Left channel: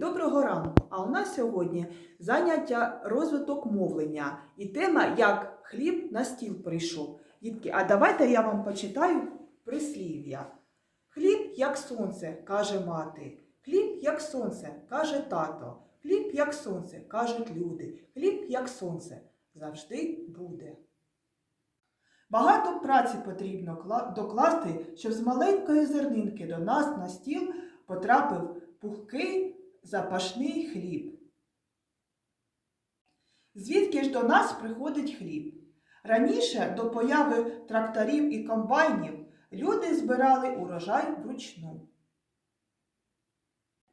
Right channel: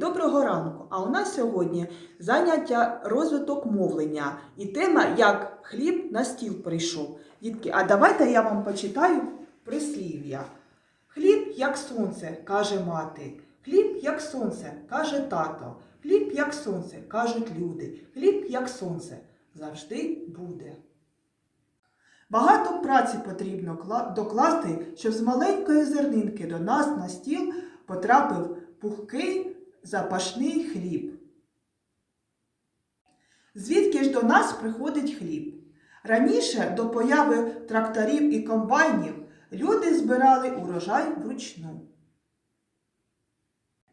доброго ранку! А у нас сьогодні заняття розвиток мовлення і тема як хліб на стіл прийшов. Дітки, а давайте я вам почитаю прислів'я. Хліб як сонце, каже мати. Хліб як сонце, каже тато. Хліб як сонце, кажуть люди. Хліб як сонце завжди буде. Багато праці потрібно докласти, щоб з маленької зернинки до нас на стіл потрапив пухкий запашний хліб. Звідки ж до нас приходить хліб? Раніше до появи тракторів і комбайнів люди збирали урожай вручну.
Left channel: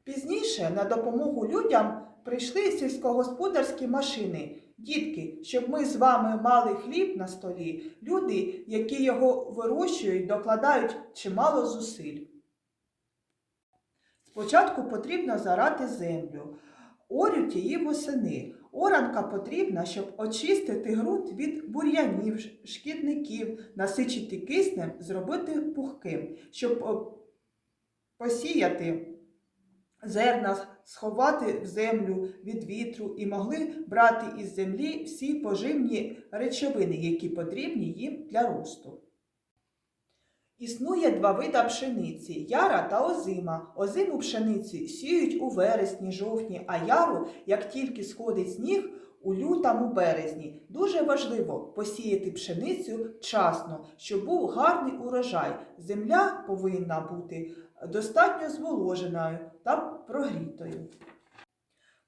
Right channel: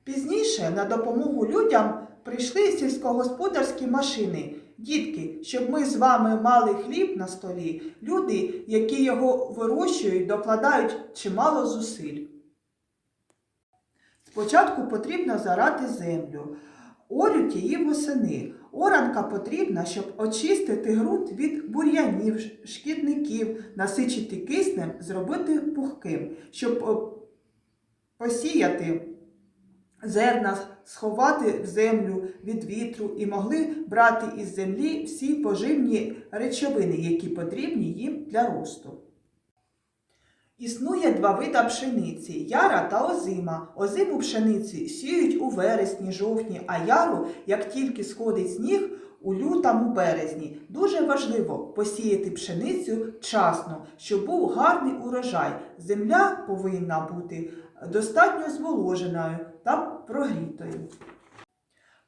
Пізніше на допомогу людям прийшли сільськогосподарські машини. Дітки, щоб ми з вами мали хліб на столі, люди, які його вирощують, докладають чимало зусиль. Спочатку потрібно зарати землю, орють її восени. Оранка потрібна, щоб очистити ґрунт від бур'янів, шкідників, насичити киснем, зробити пухким, щоб посіяти зерна, сховати в землю від вітру і могли брати із землі всі поживні речовини, які потрібні їм для росту. Існує два вида пшениці яра та озима. Озиму пшениці сіють у вересні, жовтні, а яру, як тільки сходить сніг, у лютому березні. Дуже важливо посіяти пшеницю вчасно, щоб був гарний урожай. Земля повинна бути достатньо зволоженою та прогрітою.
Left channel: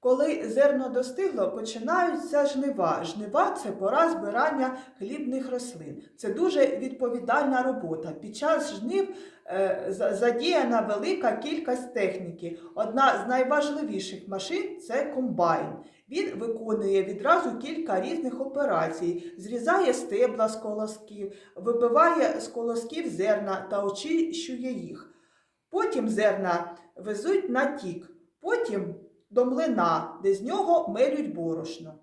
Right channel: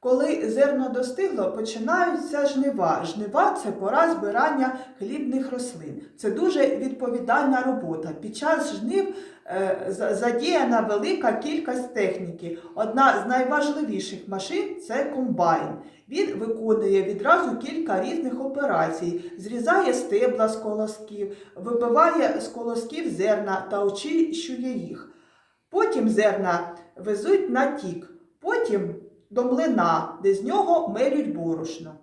Коли зерно достигло, починаються жнива. Жнива це пора збирання хлібних рослин. Це дуже відповідальна робота. Під час жнив е, задіяна велика кількість техніки. Одна з найважливіших машин це комбайн. Він виконує відразу кілька різних операцій, зрізає стебла з колосків, вибиває з колосків зерна та очищує їх. Потім зерна везуть на тік, потім до млина, де з нього мелють борошно.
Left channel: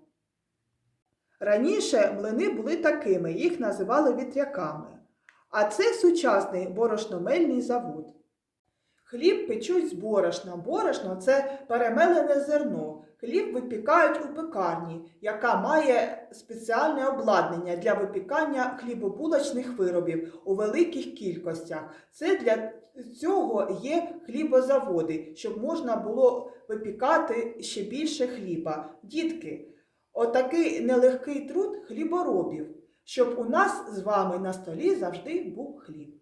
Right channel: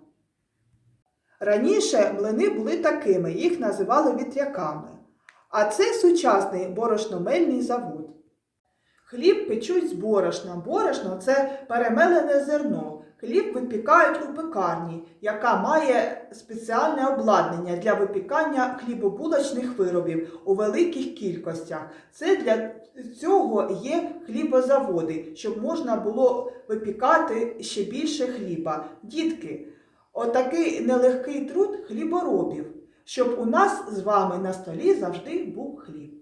Раніше млини були такими, їх називали вітряками. А це сучасний борошномельний завод. Хліб печуть з борошна. Борошно це перемелене зерно. Хліб випікають у пекарні, яка має спеціальне обладнання для випікання хлібобулочних виробів у великих кількостях. Це для цього є хлібозаводи, щоб можна було випікати ще більше хліба. Дітки, отакий нелегкий труд хліборобів, щоб у нас з вами на столі завжди був хліб.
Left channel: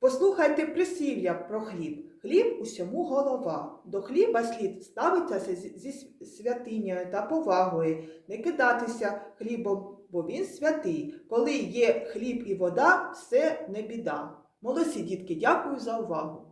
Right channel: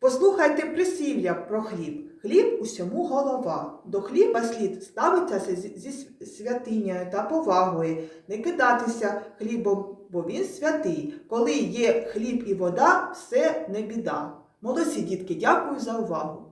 Послухайте присів'я про хліб. Хліб усьому голова. До хліба слід ставитися зі святинею та повагою, не кидатися хлібом, бо він святий. Коли є хліб і вода, все не біда. Молодці, дітки, дякую за увагу.